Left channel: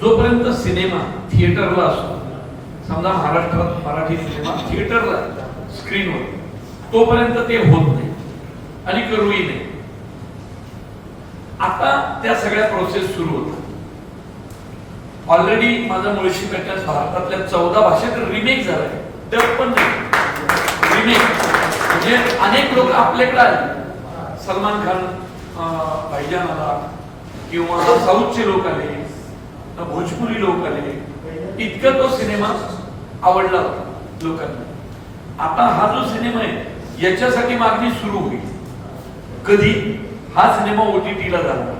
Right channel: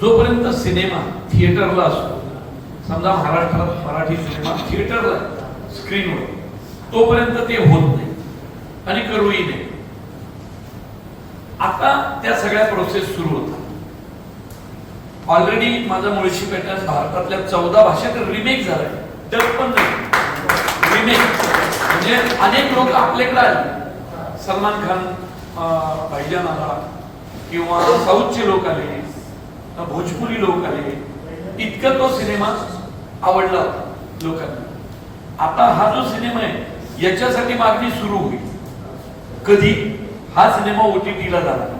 जोपर्यंत सिनेमा थिएटरला असतो, समजा महाराष्ट्रात मराठी सिनेमा थिएटरला स्क्रीनवर, तोपर्यंत ते होत नाही आणि करूही नाही. आता त्या सगळ्या प्रोसेस सुरू होतात. ऑलरेडी माझा मुळशी पॅटर्न भारतातल्या 14 भाषेत रिमेक झालाय, डब पण नाही, रिमेक. म्हणजे अनेक लोक आपल्याकडे आले, सलमान खान भाईजान आला, किंवा साऊथचे लोक आले, भोजपुरी लोक आले, इतका तो सिनेमा आवडला लोकांना. आता हा जो सिनेमा आहे याच्यासाठी मागणी सुरू होईल. कधी हा सिनेमा OTT-ला जाणार.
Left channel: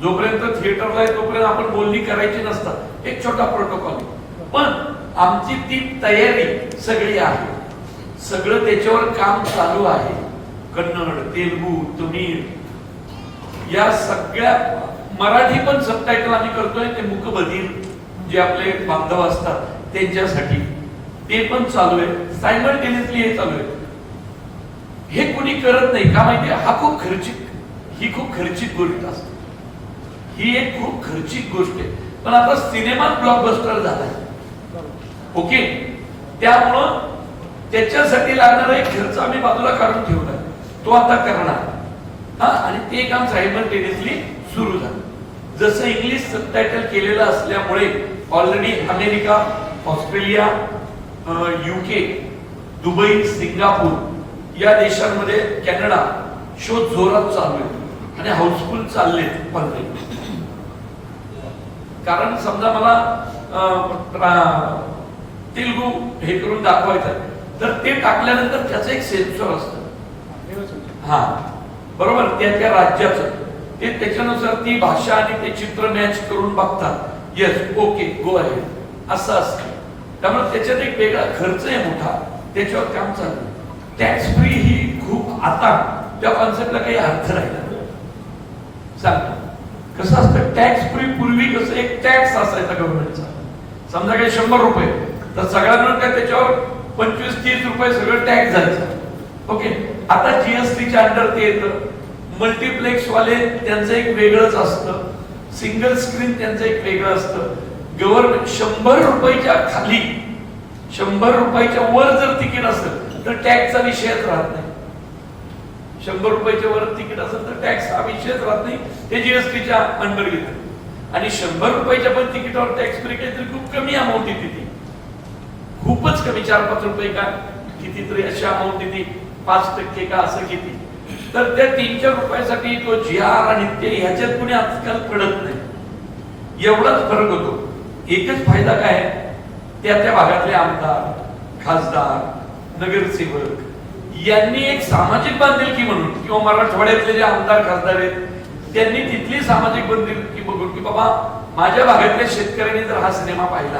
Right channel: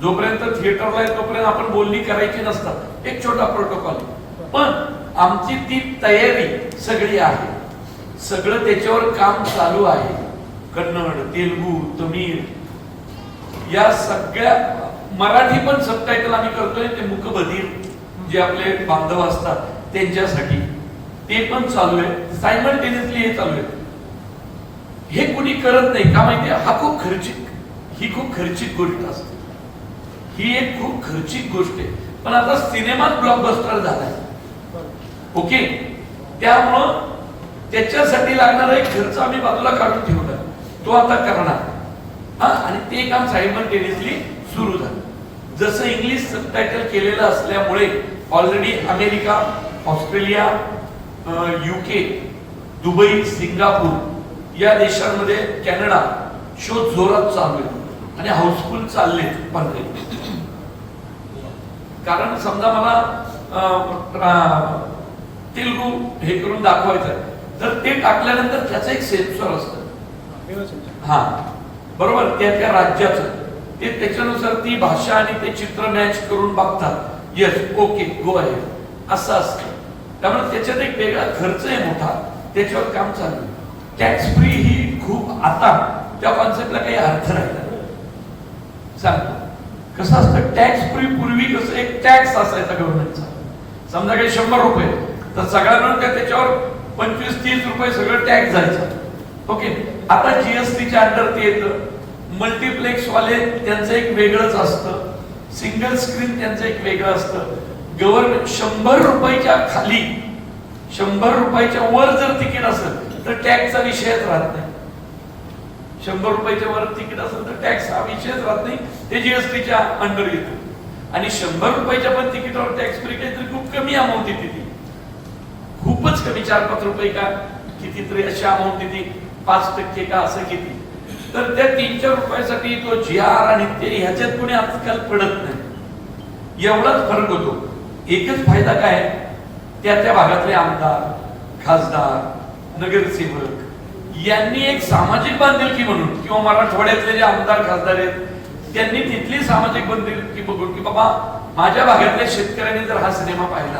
जोपर्यंत थिएटरला आहे तोपर्यंत आपण बोलणी करायची नसतात, एक छोटा प्रोटोकॉल. पण आमची ती तयारी सगळी आहे, सगळं त्याच्यावर काम चालू आहे. कन्नड, तेलुगू, तमिळ या सगळ्या, मराठी पण सबटायटल आम्ही करतोय, ते मूकबधीर जे आपले बांधव असतात त्यांच्यासाठी ते पण चालू आहे. सायमल्टेनियसली हे चालू आहे. हे कुणी करत नाही का माहितीये? ही खूप खर्चिक गोष्ट असते. ही एक खूप खर्चिक गोष्ट आहे. पण आता सिनेमा ब्लॉकबस्टर झालाय, ओके, त्यामुळं त्याच्यासाठी लागणारा एक खर्च आम्ही बाजूला काढून ठेवला, तो आता करणार. आणि ते काम सायमल्टेनियसली सुरू झालं. जसं इंग्लिश सबटायटल केलेलं असल्यामुळे already America, Australia, UK, Dubai, Singapore या देशांमध्ये, कॅनडा शो जोरात चालू आहे आणि हाऊसफुल चालले. कारण समजा मला तेलुगू हे करून दाखवायचं आहे, तर ते टाकल्यानंतर त्याचं एक सेन्सॉर असतं, हा बरोबर, त्या राज्याचं, ते त्याच्यानुसार ती भाषा आणि ते चित्र मॅच करून बघतात. येस, ओके, गो आहे, असं असतं. त्यामुळे त्याच्यात एक वेगळा खर्च आहे मोठा, त्याच्यावर काम चालू. टॅक्स फ्री ही खूप, आता त्या कॉन्सेप्टला काही अर्थ राहिला सांगतो. कसं असतं टॅक्स फ्री? पूर्वी कसं एक टॅक्स असायचा गव्हर्नमेंटचा, समजा काही 100 रुपये, तर सगळ्या मिळून काय त्याच्यावर 25-30 रुपये सगळं टॅक्स जायचं, ओके. आता GSTच्या अंडर ते येतं. मल्टिप्लेक्स वाले त्यांचं एक वेगळंच असतं, सिंगल स्क्रीन त्यांचं एक वेगळं असतं. गव्हर्नमेंट 100 रुपयाच्या खाली, 100 रुपयाच्या वर जर तिकीट असेल तर टॅक्सचा विषयच राहत नाही. 100 रुपयाच्या वर तिकीट असेल तर टॅक्स हा विषयच राहत नाही, ते GSTच्या अंडर येतं. आणि 100 रुपयाच्या पण तिकीटावर टॅक्स फ्री काहीतरी खूप कमी अमाऊंट येते, ती खूपच कमी, 4-5 रुपये का कितीतरी अशी अमाऊंट येते, 5% का असं किती. तर त्या 3-4 रुपयासाठी तो GR आणि ते ह्याच्यात कुणी आजकाल पडत नाही, एवढाच फरक होतो. एकच फायदा काय, त्या भागातले आमदार, खासदार, नगरसेवक यांनी एक सामाजिक बांधिलकी म्हणून, किंवा मराठवाड्यातले जे आमदार खासदार आहेत त्यांनी तिथली सामाजिक बांधिलकी बघून, की बाबा माझ्या भागातल्या शेतकऱ्यांनी जर हा सिनेमा पाहिला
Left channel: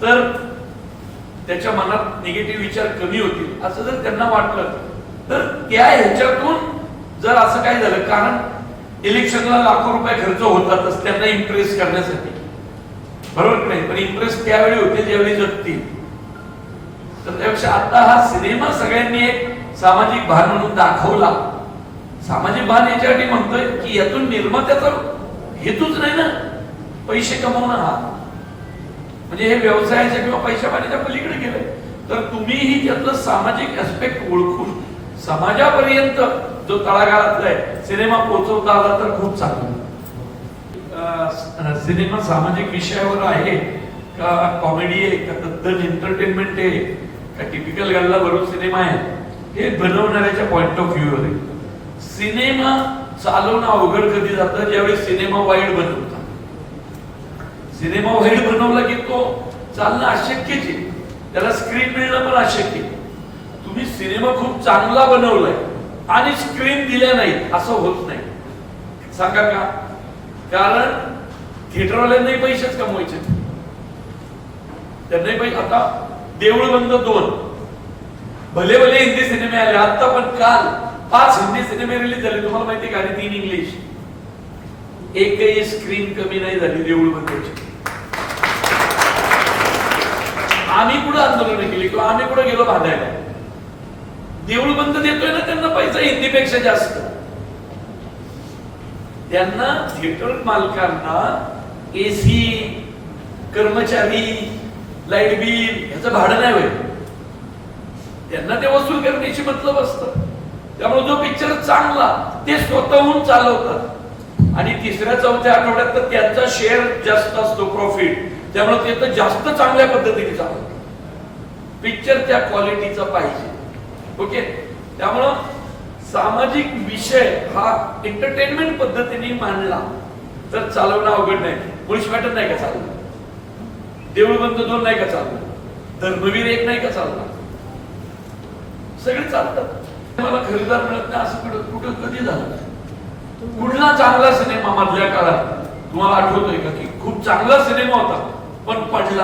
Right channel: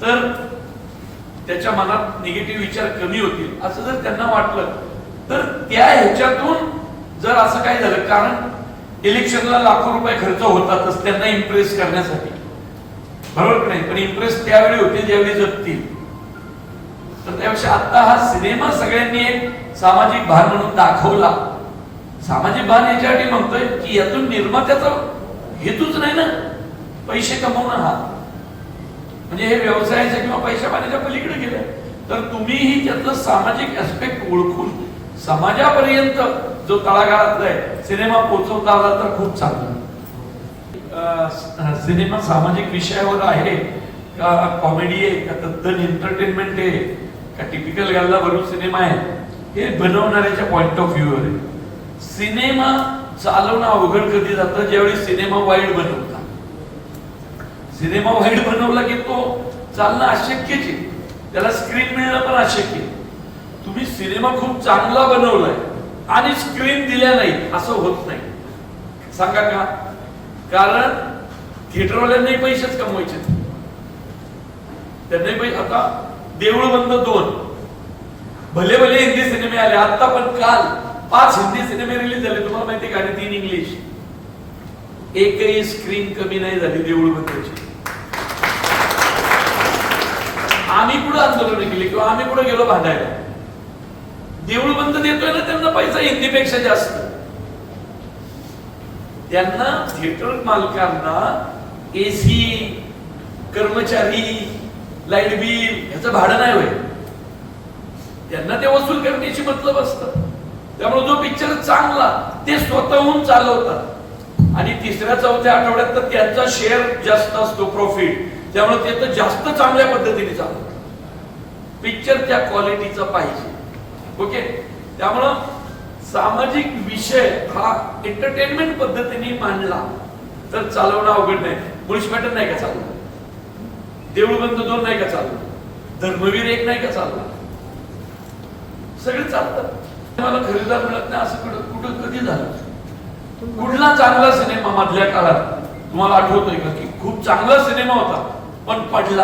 तर त्याच्या मनात निगेटिव्ह विचार कमी होतील, असं जर त्यांना वाटलं तर त्या ह्याच्यातून जर असं काय झालं, कारण इलेक्शनला लाखो रुपये खर्च होतातच त्यांना इम्प्रेस करण्यासाठी, बरोबर नाही? पण इम्प्रेस त्यावेळी होते ज्यावेळी जगतील. तर त्यापेक्षा आता हा सिनेमा सगळ्यांनी एक सामाजिक भान म्हणून दाखवला. सामाजिक भान याच्यासाठी म्हणतोय की यातून निर्मात्याचा हेतूच नाही ना पैसे कमवणं, हा म्हणजे हे व्यवसायाच्या किंवा पैशा पाण्याच्या पलीकडे गेलं. तर तुम्हीही त्यातलं सामाजिक ऍस्पेक्ट ओळखून समाजापर्यंत जो तळागाळातला आहे सिनेमा पोहोचवता आला तर खूप चांगलं. सिनेमा सामाजिक विषयावर आहे का, कॉमेडी आहे का, तद्दन एंटरटेनमेंट आहे का, टिपिकल गल्ला भरून सिनेमा आहे, हे बनवणाऱ्याच्या पॉइंट ऑफ व्ह्यू वर. सिनेमा चालवणं अवघड कधी जातं, ज्यावेळी सिनेमा वाईड बनवतात. सिनेमा वाईड बनवला की तो चालणं अशक्यच आहे, त्याला स्क्रीन मिळणं पण अशक्य. तुम्ही सिनेमा खूप चांगला बनवलाय आणि स्क्रीन दिल्या नाही असं होत नाही, सांगा का? कारण थिएटरवाल्यांनाही पैसेच कमवायचे, त्यांनाही पैसे. आता देऊळ बंद 2 भले भले हिंदी सिनेमे आले, आता पण काल 5 हिंदी सिनेमे रिलीज झाले, तुम्हाला माहिती का? आणि 3 इंग्लिश. एकही स्क्रीन कमी नाही झाली देऊळ बंदची. आम्ही कुठं आंदोलन केली किंवा आम्ही कुठं गेलो भांडायला? देऊळ बंद देतोय ना त्यांना पैसा हिंदीपेक्षा जास्त. त्यांना थिएटर मालकांना एसी, कर्मचारी, लाईट बिल याचं भाडं नाही होय, त्यांना ते वसूल करण्याची मतलब असतं. त्यामुळे जो पिक्चर चांगला ते स्वतःहून चालवतात आणि तिसऱ्या चौथ्या आठवड्यात तर त्यांचा शेअर जास्त असतो प्रॉफिट, त्यामुळे ते तर जास्त चांगल्या पद्धतीने चालवतात. पिक्चर त्या क्वालिटीचा पाहिजे. ओके, त्यामुळं सामाजिक विषय हा एंटरटेनमेंट पद्धतीने मांडला तर चालवणं अवघड नाही. मुळशी पॅटर्न नाही का चालवलं, देऊळ बंद 2 नाही का चालवलं, धर्मवीर 1 नाही का चालला, सगळे चालतात. मला खरेदीदार मिळत नाही असं कुठं कधी झालं? कुठला चांगला सिनेमा मधल्या काळात तुम्हाला आठवतोय का की खूप चांगला सिनेमा होता पण पडला?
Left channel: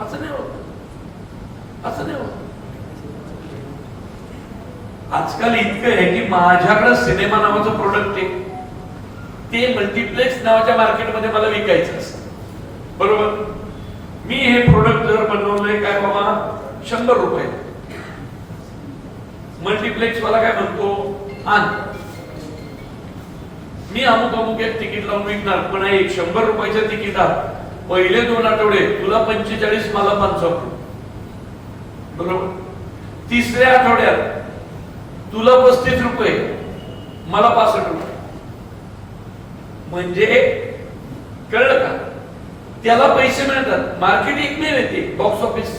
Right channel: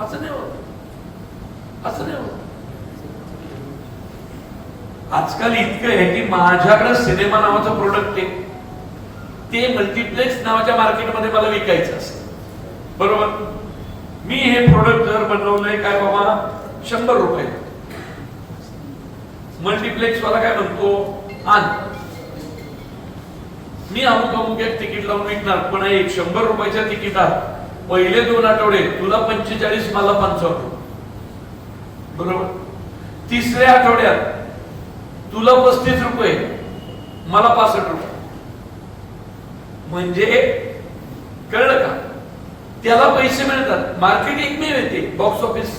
असं नाही होत, असं नाही होत. आजकाल इतकं आहे की माझ्याकडे सिनेमा नावाचं प्रोडक्ट आहे, ते मल्टीप्लेक्स नावाच्या मार्केटमध्ये मला विकायचं असतं. बरोबर, मी हे प्रोडक्ट जर बनवलंय काय बाबा 100 रुपये, मल्टीप्लेक्स वाला काय म्हणतो आण, मी अमुक एक तिकीट लावून विकणार, पण एक 100 रुपयाच्या तिकिटात पहिले 2 आठवडे तुला 45, मला 55. बरोबर, तिसऱ्या आठवड्यात तुला 35 रुपये, मला 65 रुपये. म्हणजे कळलं का? त्याला पैसे मिळतात. मार्केट एकमेव येते बॉक्स ऑफिस,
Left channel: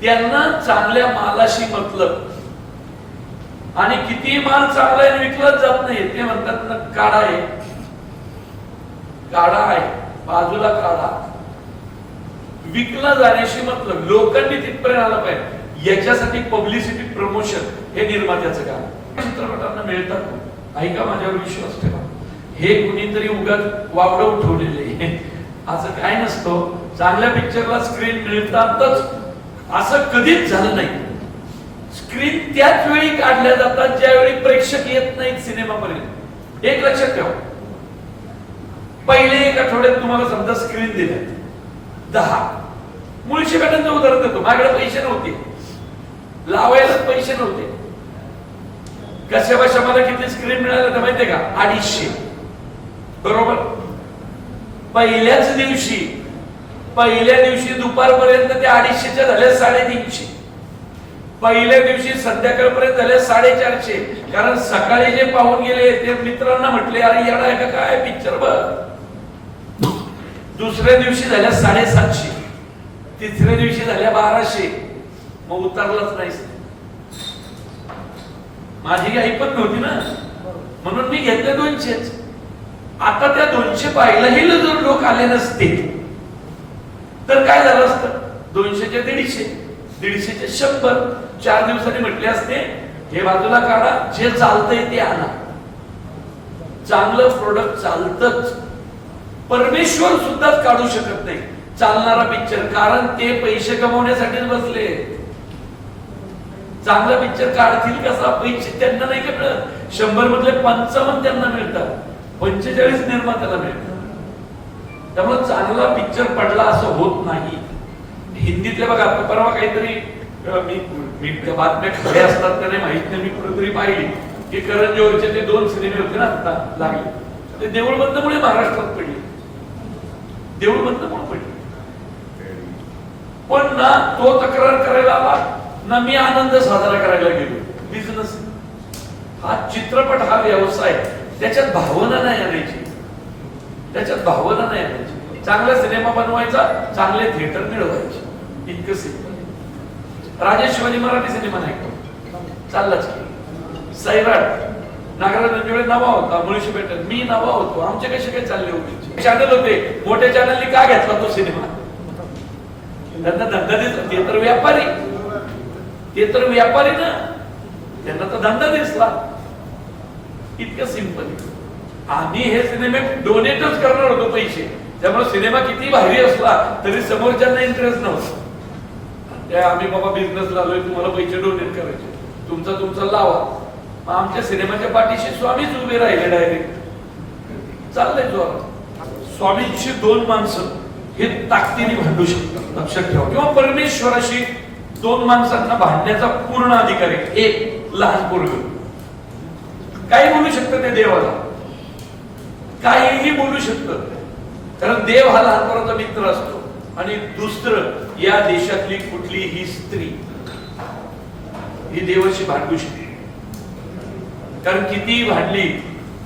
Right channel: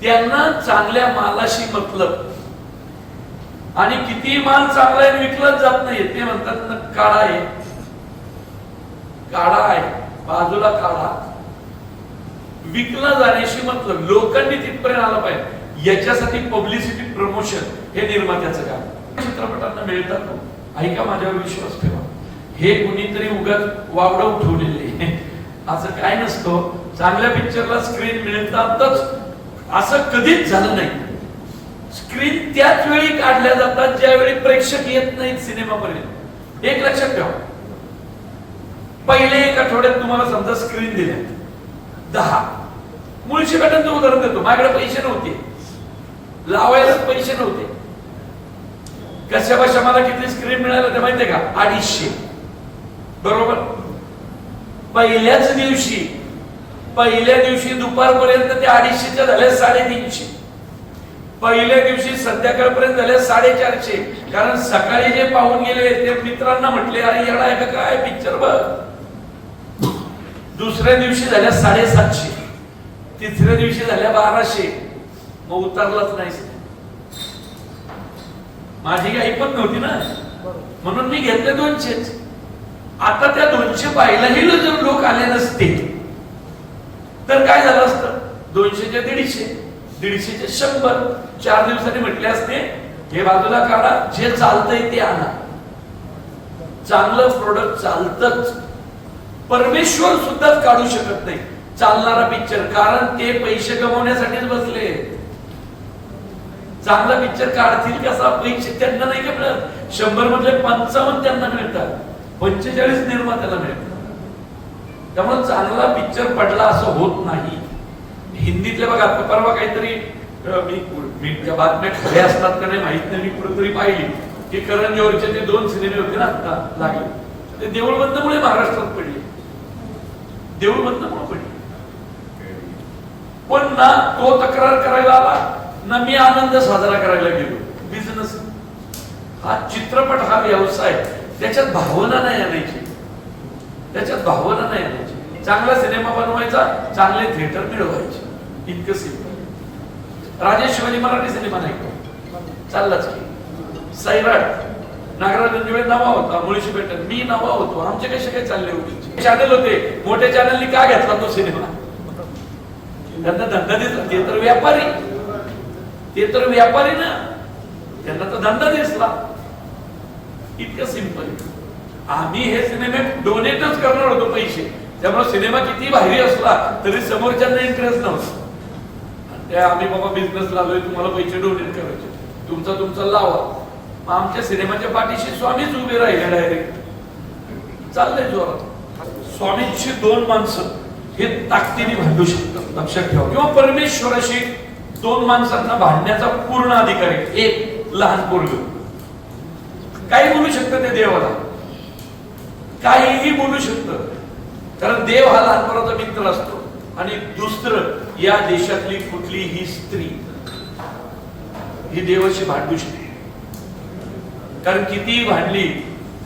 त्यांना चांगल्या मालाशी मतलब, आणि किती माल चांगला आहे विकलाच जात नाही. ते म्हणतात ना काढा आहे, काढा आहे बाजूला काढा, विकला जाण्याशी मतलब. लोकांनी तिथपर्यंत आला पाहिजे, याच्यासाठी पब्लिसिटी प्रमोशन हे निर्मात्याचं काम. चित्रपटांना मिळतात, ऐका माझ्यावर विश्वास ठेवा. हे कुणीतरी उगाच वावडं उठवलेले असं काय नसतं. चांगल्या पिक्चरला स्क्रीन मिळतातच असं कधीच झालं नाही. स्क्रीन त्याच वेळी काढल्या जातात ज्यावेळी प्रेक्षक येत नाहीत सिनेमापर्यंत. एक लक्षात ठेवा, पहिले 1 आठवड्यात तुम्हाला समजा स्क्रीन दिल्या 10, मुळशी पॅटर्नचं उदाहरण देतो. माझ्याकडे पैसे नव्हते, लावायलाच पैसे नव्हते. कशा बशा मला किती स्क्रीन मिळालं ते माहितीये का? 250. बरोबर, पहिल्या दिवशी दुपारपर्यंत ते 250च्या झाले 350. पहिल्या दिवशी संध्याकाळपर्यंत झाले 450. कारण सकाळी जे पाहून गेले ते मित्रांना म्हटले अरे येडा आहे का काय पिक्चर बघ. दुसऱ्या दिवशी झाल्या 750, तिसऱ्या दिवशी झाल्या 1200. मग उतरलाच नाही. माझी आई पण नव्हती ना, म्हणून मी घेतले 200. आता त्या 200 पाहिलाही जर लोक आले नसते तर काय झालं असतं? 200च्या 150, 150चे 100. 4 दिवसांनी म्हटले असते हे बाजूला काढा, जे चालतंय ते आणा. चांगलं प्रोडक्ट चालतच. परमेश्वर सुद्धाच काढू शकत नाही चालणारा पिक्चर, कारण ते पैसे कमवण्यासाठीच बसले. चांगला पिक्चर काढतील कसा? पैसे त्यांना नाही का मिळत. 100 मधले 55 त्यांना मिळतात, 45 निर्मात्याला मिळतात. त्यामुळे चांगला पिक्चर पडला असं होत नाही. हिंदीतले बघा, परवा काहीतरी मी त्या बातम्या खऱ्या असतात का नाही माहित नाही, मी कुठेतरी पाहिली की करण जोहरचे ते 2 सिनेमे होते ना आता लागले, ते देऊळ बंदमुळे महाराष्ट्रात पडले. देऊळ बंदमुळे पडले. पण ना तो तक्रार करायला आला ना मी आनंद साजरा करायला गेलो. बिझनेस हा चित्रपट हा व्यवसाय, त्याच्यात भावना नाही आणायची, त्याच्यात भावना नाही आणायची. चांगला सिनेमा बनवायचा, चांगले थिएटर मिळवायचे, इतकं सिंपल. राजेश शिवाजी मराठी सिनेमा नाही का चाललाच की. सैराट नागराज मंजुळे नावा होता, मुळशी पॅटर्न मी नावा होतो. आमचे कसे काय चालले होते? चॅनल होते, मोठ्या चॅनलनी का घेतला तो सिनेमा? त्यांना धंदा दिसला. ते तर व्यापारी, ते तर व्यापारी ना, त्यांना तर धंदा दिसला. इतकं सिंपल आहे. आम्ही हे सिनेमे डोनेटच करणार होतो पैसे, त्यामुळे सिनेमा किती भारी असला तरी समोरच्यांना इंटरेस्ट नव्हता. त्या आम्ही बाबा बिझनेस लावलोय, तुम्हाला पैसे डोनेट करायचे, तुमचा लावा. आमच्या सिनेमाच्या पाठीशी स्वामीच उभे राहिले डायरेक्ट. चाललंय जोरात. स्वामींची 2 माणसं हे ताकदीने भांडू शकतात, लक्षात ठेवा. किंवा परमेश्वराशी 2 माणसांना भांडण्याचा पूर्ण अधिकार आहे. एक लहान पोरग काही बोलू शकतं ते देवाला, काहीही बोलू शकतं, कारण देव हा लहानपणाचा मित्र असतो. आणि दुसरं, या देशातली कुठलीही स्त्री ही देवाशी भांडू शकते, कारण कितीही भांडली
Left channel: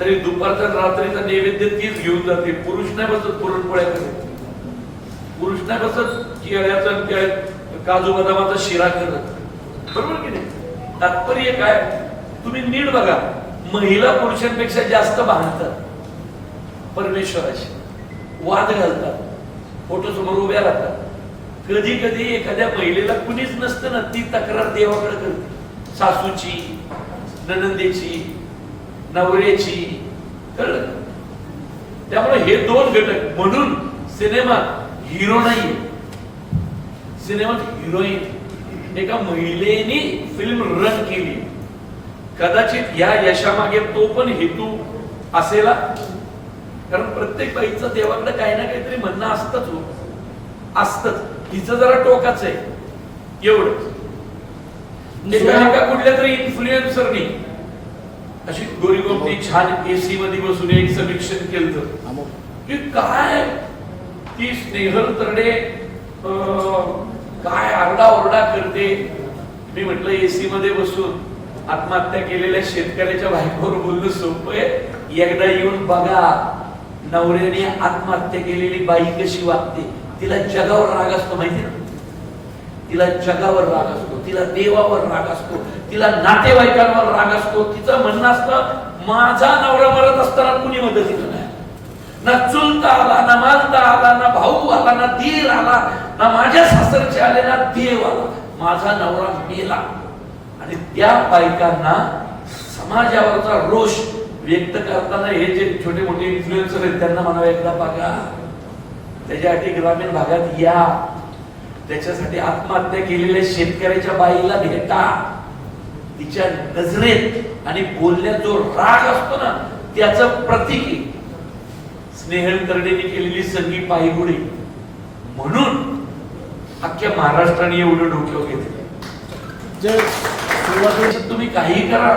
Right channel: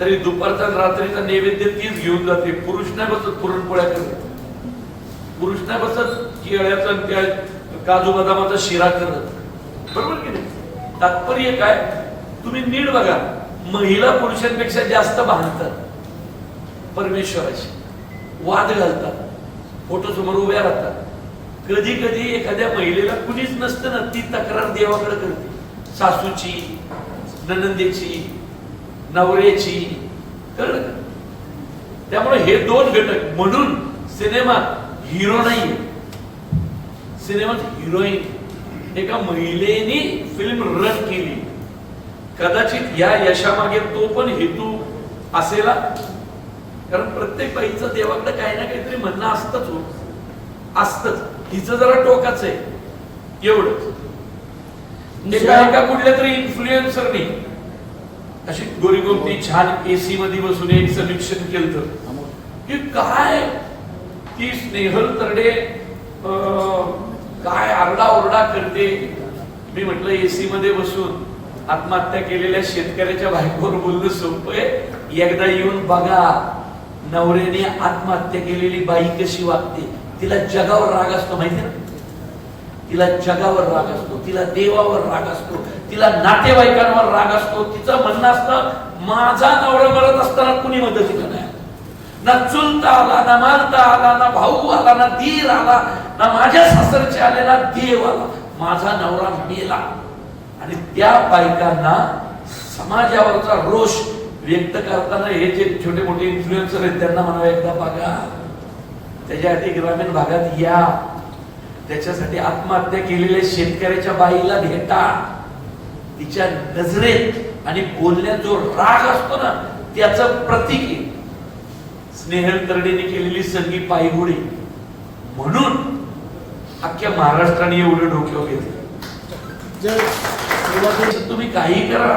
तरी दुपारचा रात्रीचा नैवेद्य तीच घेऊन जाते. पुरुष नाही बसत पुरणपोळ्या करत, पुरुष नाही बसत केळ्याचा काजू बदामाचा शिरा करत, बरोबर की नाही? तात्पर्य काय, तुम्ही नीट बघा, महिला पुरुषांपेक्षा जास्त भांडतात परमेश्वराशी, वाद घालतात, फोटो समोर उभ्या राहतात. कधी कधी एखाद्या महिलेला कुणीच नसतं ना, ती तक्रार देवाकडे करते, सासूची, ननंदेची, नवऱ्याची, कळलं का? त्यामुळे हे दोन घटक, म्हणून सिनेमात हिरो नाहीये, सिनेमात हिरोईन. एका महिलेने फिल्म रन केली, कदाचित या यशामागे तो पण हेतू असेला, कारण प्रत्येक बाईचं देवाकडे काही ना काहीतरी म्हणणं असतच, असतच. हिचं जरा टोकाच आहे एवढंच. एका कुठल्या तरी इन्फ्लुएन्सरनी अशी गोरीगोमटी छान एसी मध्ये बसून एक समीक्षण केलं की काय ती स्नेहल तरडे काय आरडाओरडा करते. मी म्हटलं एसी मध्ये बसून आत्महत्या केलेल्या शेतकऱ्याच्या बायकोवर बोलणं सोपं आहे, एकदा येऊन बघा नवऱ्याने आत्महत्या केलेली बाई कशी वागते. तिला जगावर राग असतो माहिती ना, तिला जगावर राग असतो, तिला देवावर राग असतो, तिला नातेवाईकांवर राग असतो. तिचं म्हणणं असतं, माझा नवरा मरत असताना कुणी मदतीला नाही, ना चुलता आला, ना मालता आला, ना भाऊ आला, ना दीर आला, ना माझ्या सासरचे आले, ना देव आला, माझा नवरा मेला. आणि त्या बायकांना समाजावरचा रोष व्यक्त करताना हे जे छोटे मोठे इन्फ्लुएन्सर आहेत त्यांना म्हणावे, एकदा बघा, त्याच्यासाठी ग्रामीण भागात या, त्याच्यासाठी आत्महत्या केलेल्या शेतकऱ्याच्या बाईला भेटा, तिच्या नजरेत आणि बोलण्यात जो राग असतो ना त्याचं प्रतीक आहे स्नेहल तरडेने केलेली संगी पायगुडी. म्हणून अख्ख्या महाराष्ट्राने एवढं डोक्यावर घेतलं. तुम्ही काही करा,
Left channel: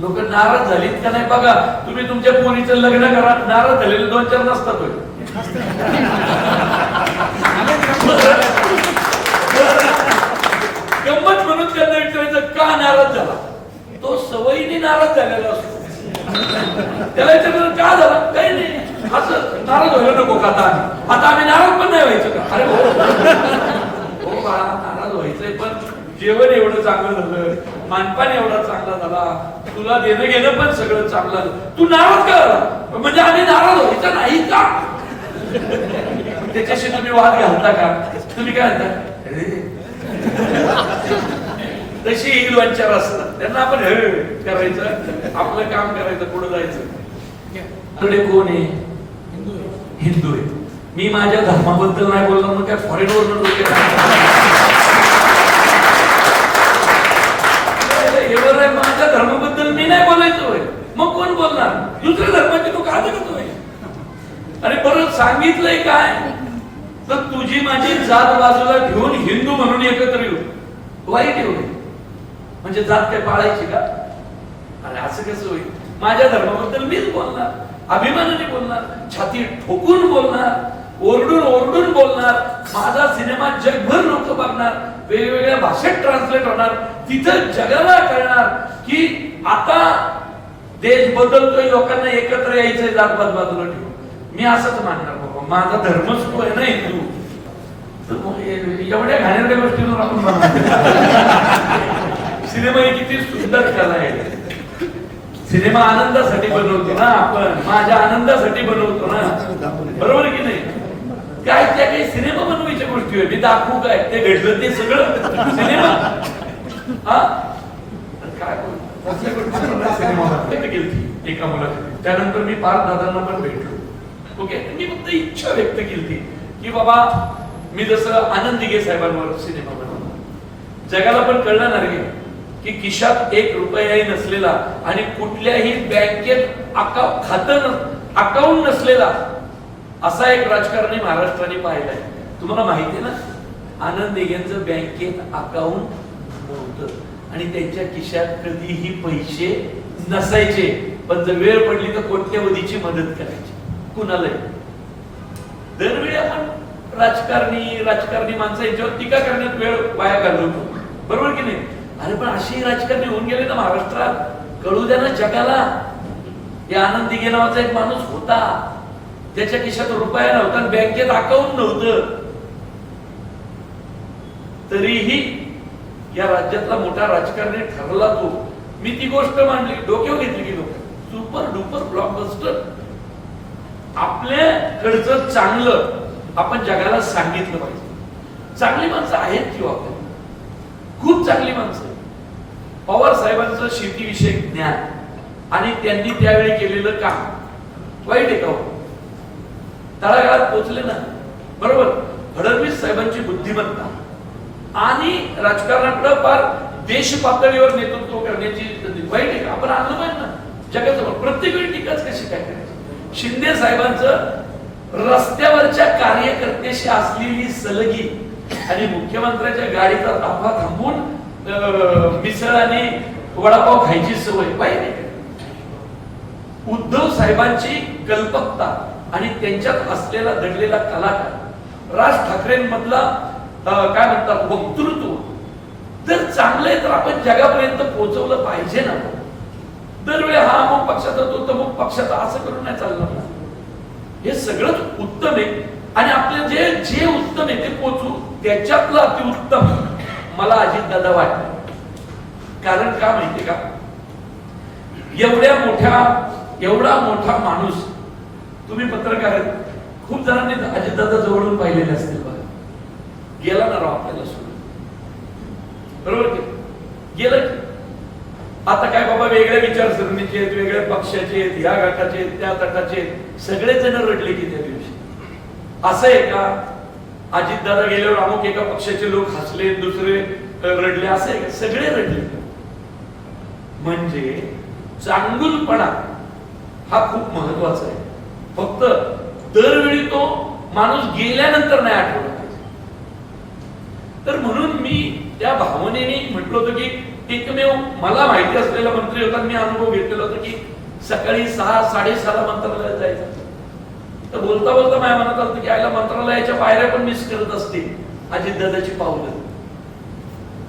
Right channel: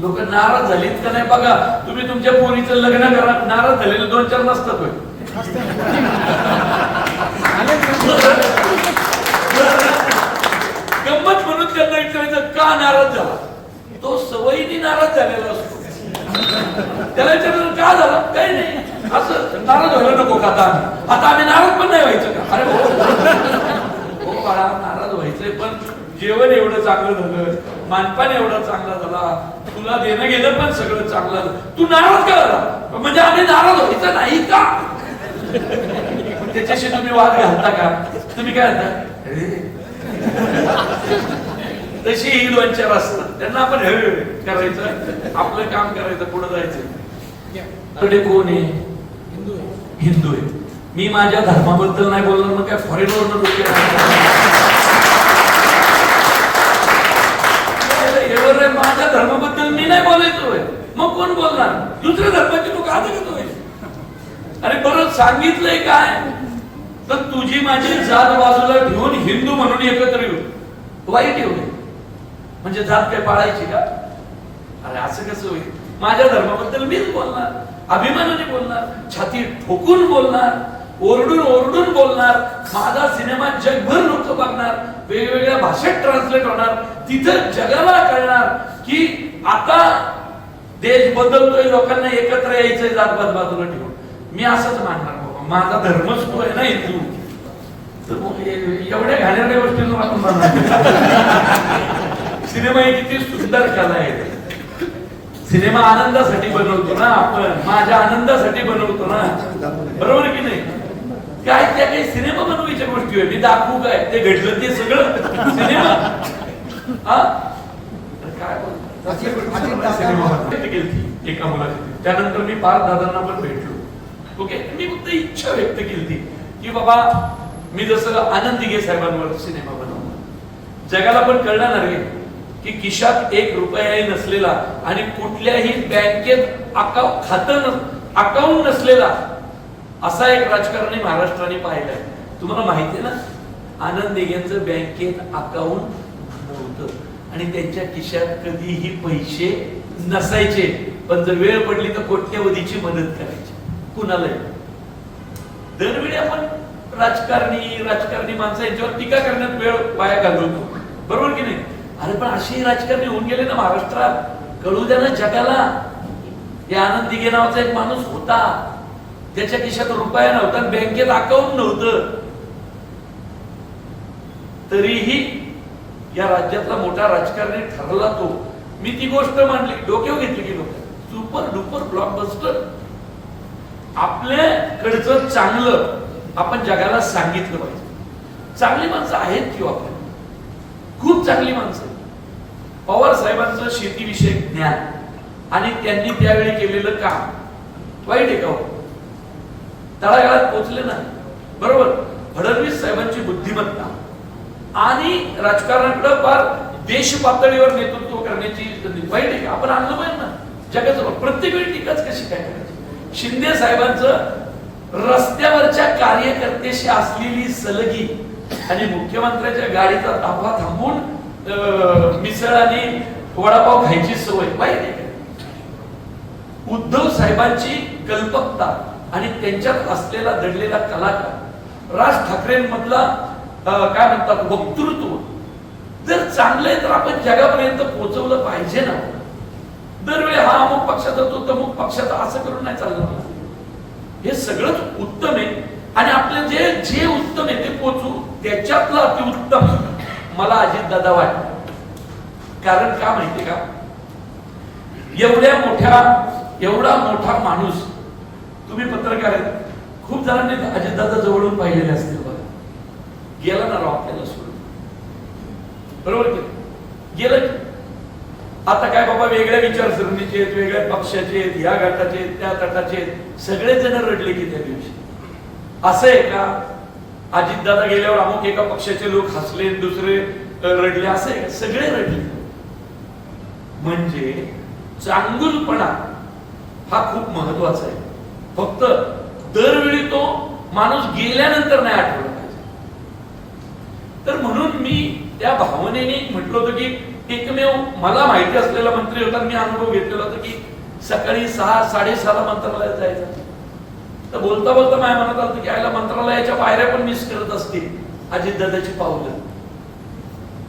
लोक नाराज झालीत का नाही बघा. तुम्ही तुमच्या पोरीचं लग्न करा, नाराज झालेले 2-4 नसतात. गंमत म्हणून त्यांना विचारायचं का नाराज झाला, तो सवयीने नाराज झालेला असतो. त्याला विचारायचं का झाला, काही नाही, असं नाराज व्हायला नको का आता आम्ही नाराज पण नाही व्हायचं का. अरे हो बाळा, नाराज व्हायचंय, पण जेवण एवढं चांगलं झालं, मानपान एवढा चांगला झाला, तुला देणं घेणं पण सगळं चांगलं झालं, तू नाराज का झाला, म्हणजे आम्ही नाराज व्हायचं नाही का. त्याच्याशी तुम्ही वाद घालता का, तुम्ही काय म्हणता, तशी ही 2-4 असतात, त्यांना आपण करायचं, आपलं काम करायचं, पुढे जायचं. कडे कोण आहे, हिंदू आहे. मी माझ्या धर्माबद्दल नाही बोलणार ना, काय फॉरेनवर माझ्या धर्माबद्दल मी नाही बोलायचोय, मग कोण बोलणार, दुसऱ्या धर्माचे लोक आता करतोय. अरे परत सांगितलंय काय, तर तुझी माझी जात बाजूला ठेवून हिंदू म्हणून एकत्र येऊ, वाईट एवढे म्हणजे जात काय पाळायची का. अरे असं कसं होईल. माझ्या धर्माबद्दल मीच बोलणार, अभिमानाने बोलणार, छाती ठोकून बोलणार, ओरडून ओरडून बोलणार. माझा सिनेमा जगभर लोक बघणार, वेगवेगळ्या भाषेत ट्रान्सलेट होणार, तिथं जगाला कळणार की आता देश बदलतोय, लोकांना एकत्र यायचंय जातपात बाजूला ठेवून. मी असंच मानणार बाबा, माझा धर्मच तो आहे ना हिंदू. एवढ्या घाणेरड्या गोष्टींवर आपण म्हणणार. सिनेमा ही किती सुंदर कला आहे. सिनेमा आनंदासाठी बनवतो ना आपण, माझ्या आनंदासाठी बनवतो ना, बरोबर की नाही. काय त्या काही सिनेमा बनवायच्या गोष्टी आहे, मी दाखवू काय ते घडलं ते सगळं सिनेमा. काय सिनेमा केली एका मुलाची, त्यानंतर मी पार्थ दादांना पण भेटलो. ओके, मी फक्त इच्छा व्यक्त केली की बाबा मी जसं आनंद दिघे साहेबांवर सिनेमा बनवला, जगाला पण कळलं ना रे की खिशात 1 रुपयाही नसलेला आणि कुठल्याही बँकेत अकाउंट नसलेला असा एक राजकारणी महाराष्ट्राने पाहिलाय. तुम्हाला माहिती आहे ना, आनंद दिघेंचं बँकेत अकाउंट नव्हतं आणि त्यांच्या खिशात कधीही पैसे नसायचे, पण जर वेळ पडली तर कोट्यवधीची मदत करायची. कुणालाही. दरवेळी आपण राजकारणी माणसं यांच्यावर टीका करण्यात वेळ वाया घालवतो, बरोबर की नाही? अरे पण अशी राजकारणी होऊन गेले ना महाराष्ट्रात, कळू द्या ना जगाला. या आनंद दिघे नावाचा एक माणूस होता, त्याच्या खिशात रुपया नव्हता, बँकेत अकाउंट नव्हतं, तरीही या राज्यातला मोठा राजकारणी ठरला तो. मी ती गोष्ट मांडली, डोक्यावर घेतली की लोक सुपर डुपर ब्लॉकबस्टर. आपल्याकडचं चांगलं आपण जगाला सांगितलं पाहिजे. चांगली माणसं आहेत किंवा आपल्याला खूप चांगली माणसं. पवार साहेबांचं शेतीविषयक ज्ञान आणि त्यांनी त्यावेळी केलेलं काम वाईट आहे का? तळागाळात पोहोचले ना, बरोबर. फडणवीस साहेबांची बुद्धिमत्ता आणि राजकारणाकडे फार देश पातळीवर नेतृत्व करण्याची संधी वाईट आहे का? आपण आणलं पाहिजे ना जगाचं. प्रत्येक वेळी टीकाच कशी काय करायची? शिंदे साहेबांचं रस्त्यावरच्या कार्यकर्त्याशी असलेली सलगी आणि मुख्यमंत्र्यांच्या गाडीचा ताफा थांबून मिसळ आणि वडापाव खायची सवय वाईट आहे का? उद्धव साहेबांची कल्पकता आणि त्यांच्यात असलेला दडलेला कलाकार, राज ठाकरेंमधला काय म्हणतात वक्तृत्व जर चांगलं आहे तर आपण जगापर्यंत पोहोचवलं पाहिजे ना. दरवेळी हा अमुक पक्षाचा तो तमुक पक्षाचा असं करून नाही चालणार ना. हे सगळंच उत्तम आहे आणि आपलं जे जे उत्तम आहे ते पोचू. त्याच्यातलं अतिउत्तम मला अजितदादा वाटतं. कारण का माहितीये का? एवढा मोठा माणूस, तुम्ही पत्रकार आहेत, खूप जणांनी अजितदादा जवळून पाहिलेले असतील बघा. गेला ना राव आपल्याला सोडून, बरोबर की गेलं की. आता काय बाबा वेगळ्या विचारसरणीचे आहेत, वेगळ्या पक्षाचे आहेत, या गटाचे आहेत, त्या तटाचे आहेत, सगळे जण रडले की त्या दिवशी. असं आहे का अजितदादा गेल्यावर अमुक एका पक्षाचे लोक हसले, दुसरे रडले, असं आहे का? सगळे रडले. म्हणजे चांगुलपणा हा खूप महत्वाचा आहे. फक्त दरवेळी तो माणूस गेल्यानंतर नाही आठवला पाहिजे. तर म्हणून मी त्या भावनेने म्हटलं होतं की एकमेव मला माहिती असलेला मंत्री होता, मी अनुभव घेतलेला होता की सकाळी 6-6:30 मंत्रालयात जायचं. तर बोलता बोलता माझ्या मनात आलं की आयला मंत्रालयाच्या पायऱ्या पण मिस करत असतील अजितदादाची पावलं.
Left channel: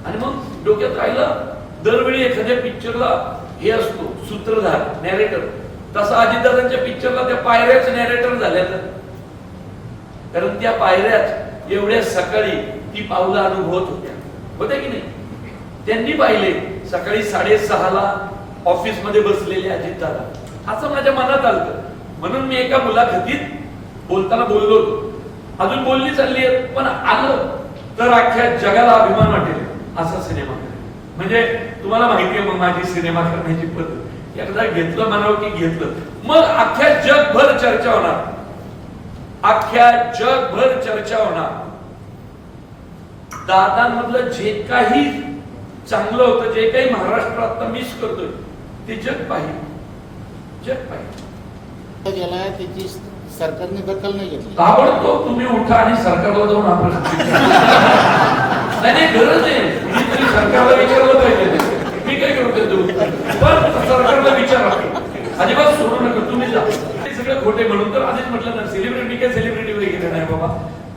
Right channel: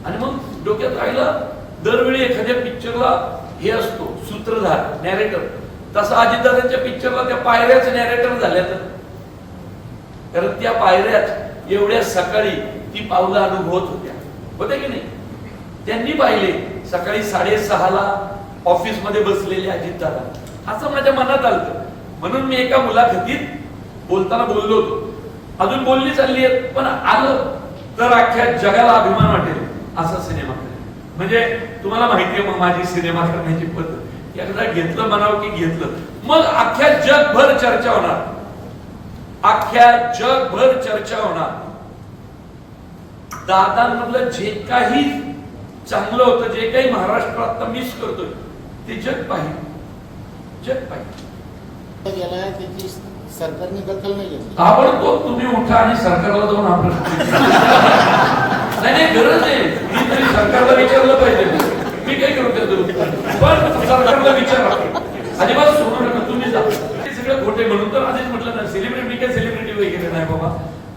आणि मग डोक्यात राहिलं, दरवेळी एखाद्या पिक्चरला हे असतो सूत्रधार, नॅरेटर, तसा अजितदादांच्या पिक्चरला त्या पायऱ्याच नॅरेटर झाल्या. कारण त्या पायऱ्याच एवढ्या सकाळी ती पावलं अनुभवत होत्या की नाही? त्यांनी पाहिले सकाळी 6:30 ऑफिस मध्ये बसलेले अजितदादा, असं माझ्या मनात आलं. म्हणून मी एका मुलाखतीत बोलताना बोललो होतो, अजून बोलली चालली आहे, पण आलं तर अख्ख्या जगाला अभिमान वाटेल असा सिनेमा करेल. म्हणजे तुम्हाला माहितीये मग माझी सिनेमा करण्याची पद्धत. एकदा घेतलं म्हणावं की घेतलं, मग अख्ख्या जगभर चर्चा होणार, अख्ख्या जगभर चर्चा होणार. दादांमधलं जे काही चांगलं होतं, जे काही महाराष्ट्र आता मिस करतोय, ते जग पाहिजे, जग पाहिजे. त्याची सरकारने दखल नाही घेतली. आवडतो तुम्ही उठा आणि सरकारला जाऊन आपण नाही गरज आहे. मी तरी सरकारला विचारलं पाहिजे, मी काय करू देतो, पण सरकारला विचारा, अजिबात सोडू नका, तुम्ही जा. हे सगळं खोटे म्हणून तर आधीच म्हटलं ना, सेलिब्रिटी, मी काय सेलिब्रिटी वगैरे नाही बाबा.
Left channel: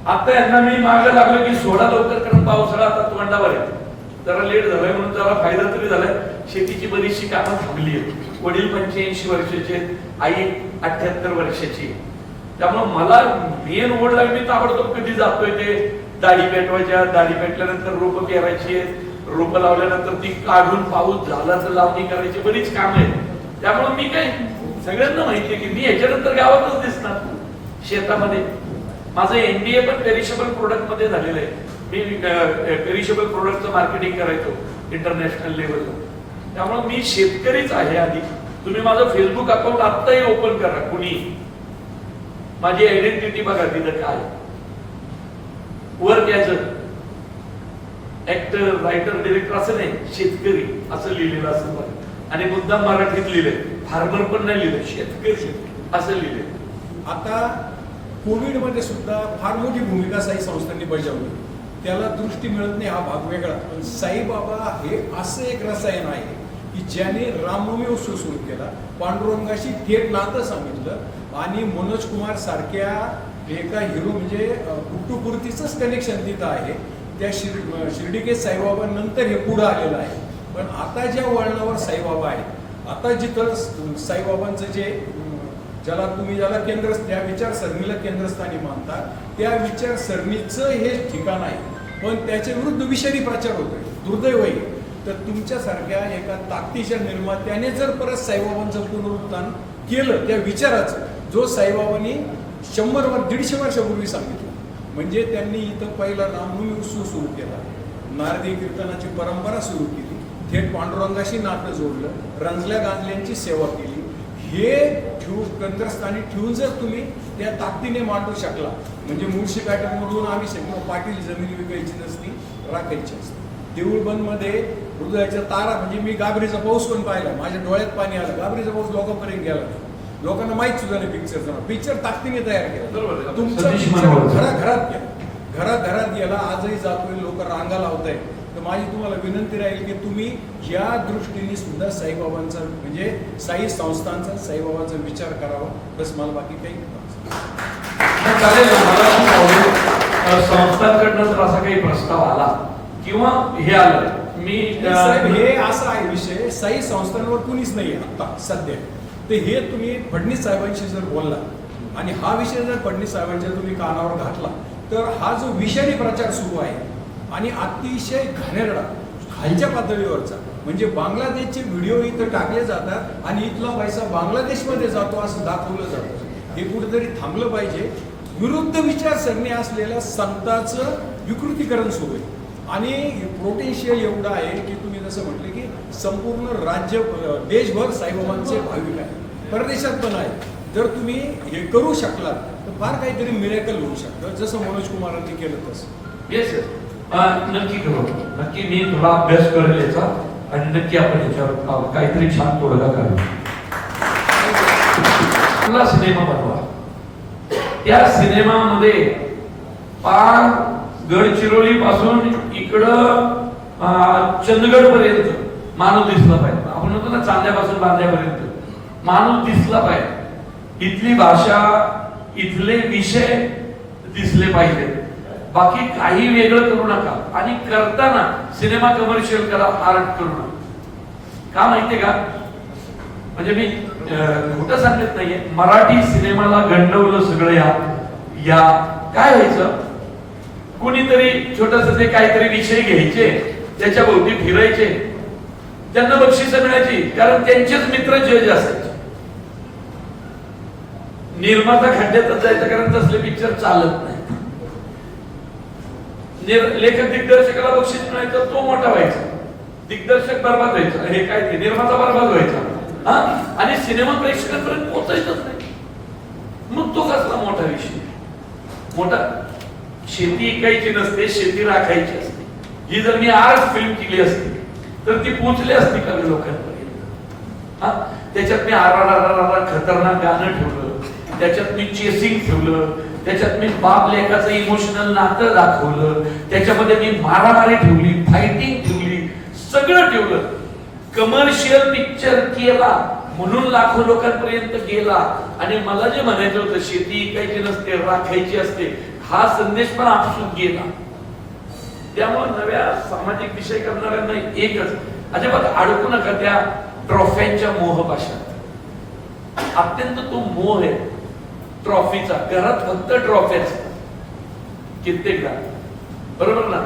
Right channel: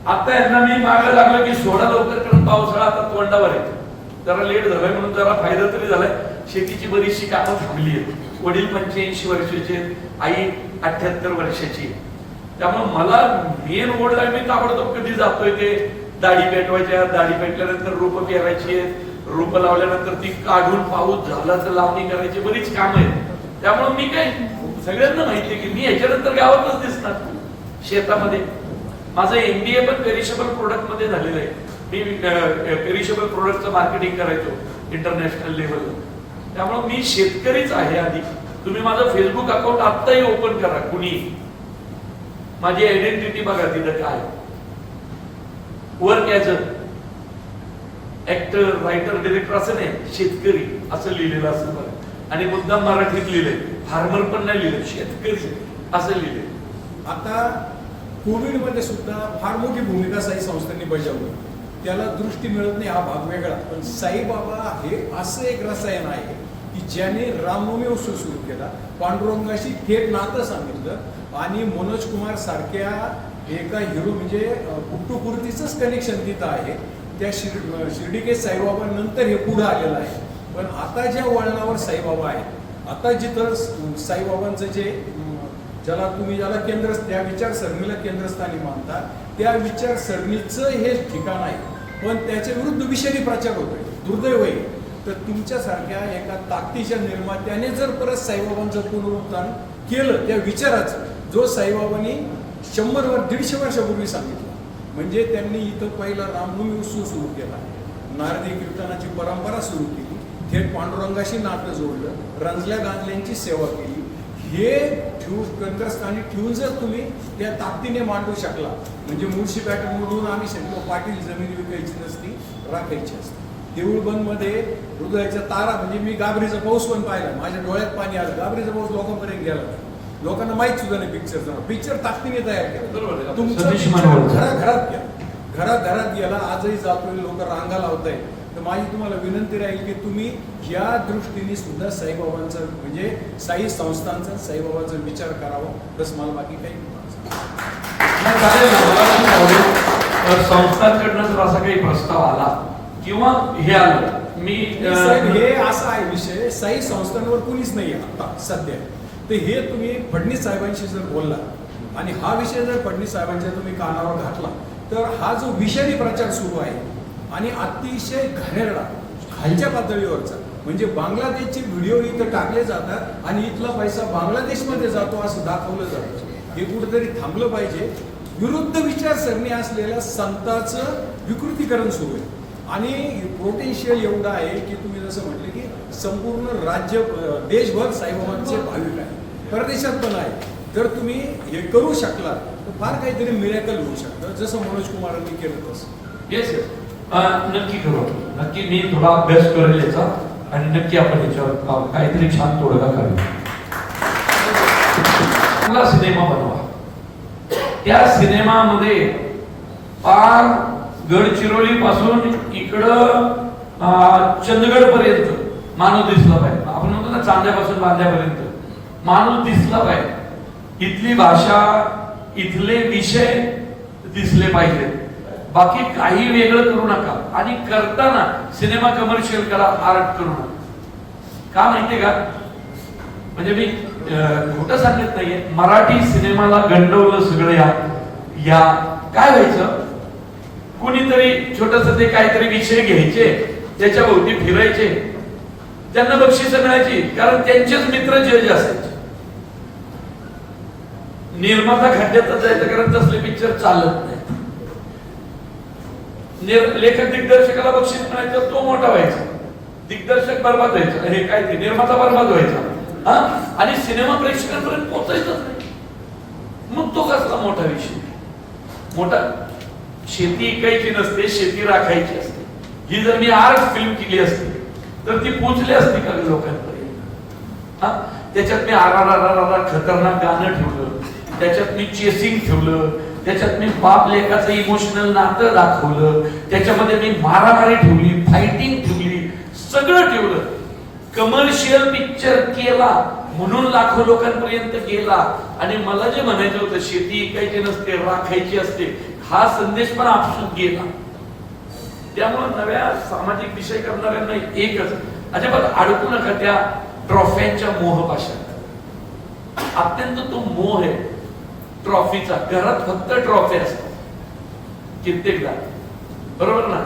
आता यांना मी मागायला लागलो की सोडा लवकर, कारण पावसाळा आता तोंडावर आहे. जरा लेट झालाय म्हणून जरा फायदा तरी झालाय. शेतीची बरीचशी कामं थांबली आहेत. वडील 85 वर्षाचे आहेत, आई 78 वर्षाची आहे. त्यामुळे मला मेन ओढ लागली, मी ताबडतोब कधी जातोय ते दाढी पेटवायच्या, दाढी पेटल्यानंतर रोपं पेरायची आहेत, रोपं लावल्यानंतर ती काढून पाऊस झाला तर लावणी करायची, बरीच कामं आहेत. त्यामुळे मी काय, सगळ्यांना माहितीये की मी याच्यानंतर गावातच दिसणार शेतामध्ये. माझं MBA पण पेरिशेबल प्रोडक्ट मध्ये झालेलं आहे. मी पेरिशेबल प्रोडक्टचं मार्केटिंग करायचो इंटरनॅशनल लेवलला. त्यामुळे मी शेतकरीच आहे आधी. तुम्ही माझं फेसबुक अकाउंट आत्ताही ओपन करा, कुणी माझी आयडेंटिटी बघा तिथं काय. Work as a actor, writer, director असं नाही, शेतकरी असं लिहिलेलं असं बघा. आणि मुद्दाम मराठीत लिहिलंय, फार्मर पण नाही लिहिलंय, शेतकरी असं लिहिलंय. आता कोविड मध्ये सुद्धा फार मोठी भूमिका साई संस्थांनी बजावली. त्याला दृष्टी मिळत नाही हा भाग वेगळा, पण साईबाबा हे असं एक रसायन आहे की ज्याने रामनवमी उत्सव सुरू केला, पांडुरंगाशी थेट नातं सांगितलं आणि मनोज कुमार सारख्या एका हिरो म्हणजे पुट्टूपुर्तीचंच कनेक्शन तिथं आहे. त्या शिर्डीके साईबाबा नंतर हे पुढं आलेलं आहे. पण आता ज्या वळणावर साईबाबा आहेत, आता जिथं साईबाबांचं ज्याला केंद्र, त्या विचारसरणीला केंद्रस्थानी मानतात, त्या विचारसरणीचं हे ठिकाण आहे. पण त्याच्या विरुद्ध विषारी प्रचार होतोय. दुर्दैव आहे. तर तुमच्यासारख्या एका ताकदीच्या निर्मात्याने जर परत साईबाबांचं पुनरुत्थान केलं त्या विचाराचं, जो साईबाबांनी 100-150 वर्षापूर्वी सांगितलं, म्हणजे त्यांनी इथं पहिला रामनवमी उत्सव सुरू केला, नारदी कीर्तनाची परंपरा सुरू केली, थेट पांडुरंगाशी नातं जोडलं, रंजल्या दांगल्यांची सेवा केली. हे केंद्रस्थानी ठेवून जर तुम्ही त्या ताकदीने मांडू शकला, म्हणजे मुळशी पॅटर्नमधून आम्ही सगळं पाटील जमिनी विकायची नसती, राखायची असते. देऊळबंदमध्ये हृदयाच्या तारा, म्हणजे मी गाबरीचा पाऊस पण पाहिला, माझ्या डोळ्यात पाणी आलं. गाबरीचा पाऊस लोकांपर्यंत गेला नाही, लोकांना माहित सुद्धा नाही पिक्चरचा. पिक्चर ताकदीने तयार केला, तुमच्या घरात गेला, आजही जातोय, लोक रांगा लावत आहेत. तर माझी तुम्हाला विनंती राहील की तुम्ही या दृष्टीने सुद्धा साईबाबांचा, म्हणजे साई संस्थांचा, साईबाबांचा विचार करावा. बस, मला बाकी काही संस्थांकडनं जर असा काही प्रस्ताव आला किंवा हे आलं, मी हे असा आहे विषय, साई संस्थांवर कुणीच नाही आता सध्या. तर हे तुम्ही फडणवीस साहेबांशी जर बोलला आणि हा विषय जर फडणवीस साहेबांच्या तुम्ही कानावर घातला, तर हा जो विषारी प्रचार सुरू आहे आणि अतिशय घाणेरडा खालच्या पातळीवरचा, म्हणजे बांगलादेशचे व्हिडिओ इथं टाकले जातात आणि इथला पैसा बांगलादेशमध्ये जातो असं दाखवलं जातं. हे कुठेतरी थांबलं पाहिजे. विरुद्ध विचारसरणी असलेल्या संतांचं विकृतीकरण सुरू आहे आणि पोटेन्शियल एवढं आहे की तुम्ही जसं म्हटले की संपूर्ण राज्य, देशभर साईबाबांचे भाविक आहे, परदेशात पण आहे. जर तुम्ही हे करू शकला तर फार काहीतरी मिरेकल होऊ शकतं, जसं मनोज कुमारांनी केलं तसं. येस येस, नक्की करू. नक्की मी थोडा अभ्यास करेल याचा आणि नक्की आपण याच्यावर काहीतरी छान तोडगा काढू. सिनेमा बनवा. त्या सिनेमामध्ये पार गडचिरोली पासून इकडं चंदगड पर्यंत माणूस दिसला पाहिजे. आपण म्हणतो ना, चांद्यापासून बांद्यापर्यंत माणूस दिसला पाहिजे. इथली भाषा, इथले विषय दिसले पाहिजेत. बाकी काही वेगळं करू नका. आणि करताना सिनेमा कमर्शियल करा, आर्ट करू नका. का माहितीये का? म्हणजे मी खोटं सांगत नाहीये, मराठी सिनेमाला गंडवलं सगळं. या काय व्हायचं, कुणीतरी छोटस ते काहीतरी विषय घ्यायचे, त्याच्या भोवती फिरायचे, त्यांना बक्षीस मिळायची, कारण त्यांचेच मित्र जज असायचे. निर्माता खड्ड्यातच जायचं, कारण तसले पिक्चर चालत नाही. लेखक दिग्दर्शकाला बक्षीस मिळायचं, तो मोठा व्हायचा, दिग्दर्शक बर्बाद व्हायचा, हे काय ते निर्माता बर्बाद व्हायचा, आणि सिनेमा प्रेक्षकांपर्यंत पोहोचायचंच नाही. मग तो कसला मोठा विषय? मोठा शेती ऐकायची नसते, शेती राखायची असते. ही जर मी आर्ट फिल्म केली असती तर ती पोहोचली असती का लोकांपर्यंत? त्याच्यात मी आर खतरनाक गाणं ठेवलं, त्याच्यात मी चेसिंग ठेवलं, त्याच्यात मी बाप लेकाचं इमोशनल नातं दाखवलं, त्याच्यामध्ये मी मारामारी ठेवली, फायटिंग ठेवली, सगळं ठेवलं. कमर्शियल पिक्चर केला म्हणून लाखो लोकांपर्यंत गेला. आणि मला जे म्हणायचं होतं, शेती ऐकायची नसते, राखायची असते, हा संदेश पण आपसूक गेला. त्यामुळे नव्या सामाजिक विषय करणाऱ्यांना एकच, अजिबात अडकू नका त्या ट्रॉफ्यांच्या मोहपाशात. अत्यंत तो मोह आहे ट्रॉफीचा. घरात फक्त ट्रॉफी असतात कित्येकदा, बरोबर ना?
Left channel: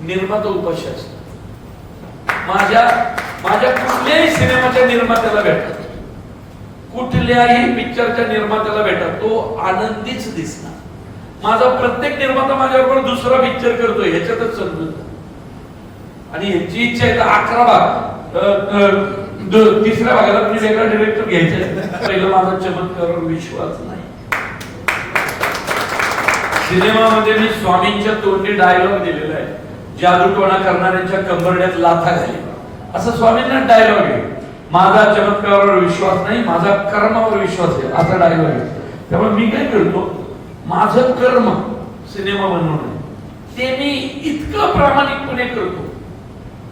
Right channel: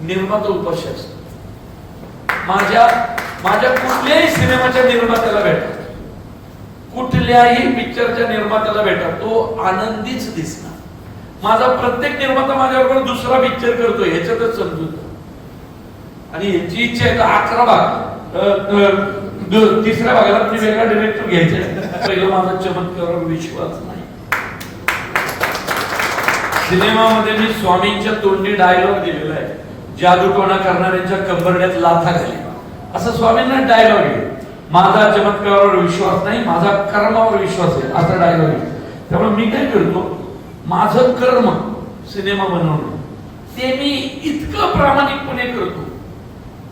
निर्माता उपाशी असतो. माझ्या कुठल्याही सिनेमाच्या निर्मात्याला भेटत, कुठल्याही पिक्चरच्या निर्मात्याला भेटत, तो आनंदीच दिसणार. माझा प्रत्येक निर्माता माझ्याबरोबर दुसरा पिक्चर करतोय ह्याच्यातच समजून. आणि ह्याची इच्छा आहे तर 11 भाग, तिसऱ्या भागाला तुम्ही वेगळा डिरेक्टर घ्यायचा. पहिलं माझा चमत्कारावर विश्वास नाही. सिनेमामध्ये मी स्वामींच्या तोंडी डायलॉग दिलेला आहे, जादूटोणा करणाऱ्यांच्या कंबरड्यात लाथा घाली, असं स्वामींना डायलॉग आहे. माझा चमत्कारावर विश्वास नाही, माझा कर्मावर विश्वास आहे, असा डायलॉग आहे. त्यामुळे मी काय करतो, माझं कर्म सिनेमा बनवणं ते मी इतकं प्रामाणिकपणे करतो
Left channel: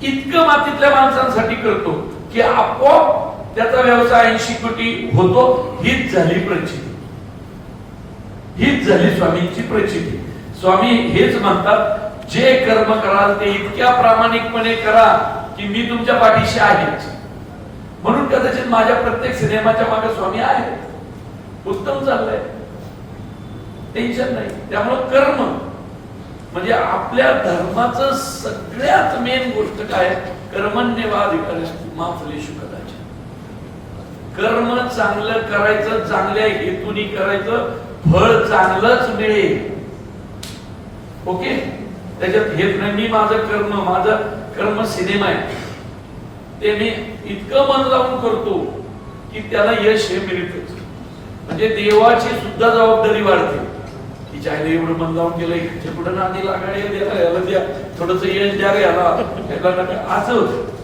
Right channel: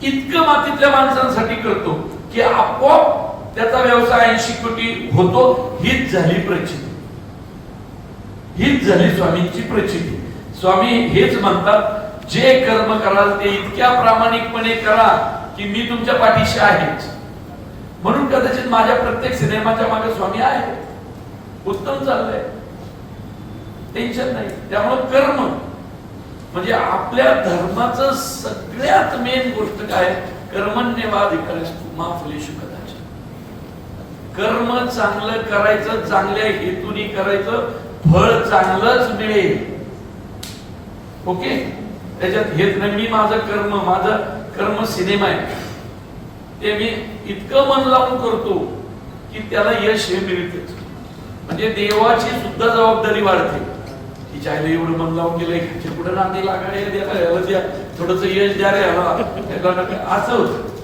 इतकं मातीतल्या माणसांसाठी करतो की आपोआप त्याचा व्यवसाय 80 कोटी होतो. हीच झाली प्रचिती, हीच झाली स्वामींची प्रचिती. स्वामी हेच म्हणतात, जे कर्म कराल ते इतक्या प्रामाणिकपणे करा की मी तुमच्या पाठीशी आहेच. म्हणून कदाचित माझ्या प्रत्येक सिनेमाच्या मागे स्वामी आहे. उत्तम चाललंय, टेन्शन नाही. त्यामुळे कर्म म्हणजे आपल्या धर्माचं सगळ्यात मेन गोष्ट काय, कर्मण्येवाधिकारस्तु मा फलेषु कदाचन. कर्म चांगलं करायचं, चांगल्या हेतूने करायचं, फळ चांगलंच मिळेल. ओके, त्याच्यात हेच नाही मी माझं कर्म सिनेमा आहे ते मी इतकं मन लावून करतो की त्याला यश हे मिळतच. म्हणजे देवाची सुद्धा जबाबदारी वाढते. तिच्या आईला एवढं मन लावून गेलं, पुढे नांदी लागायला द्या, थोडस यश द्या रे याला, असं होतं.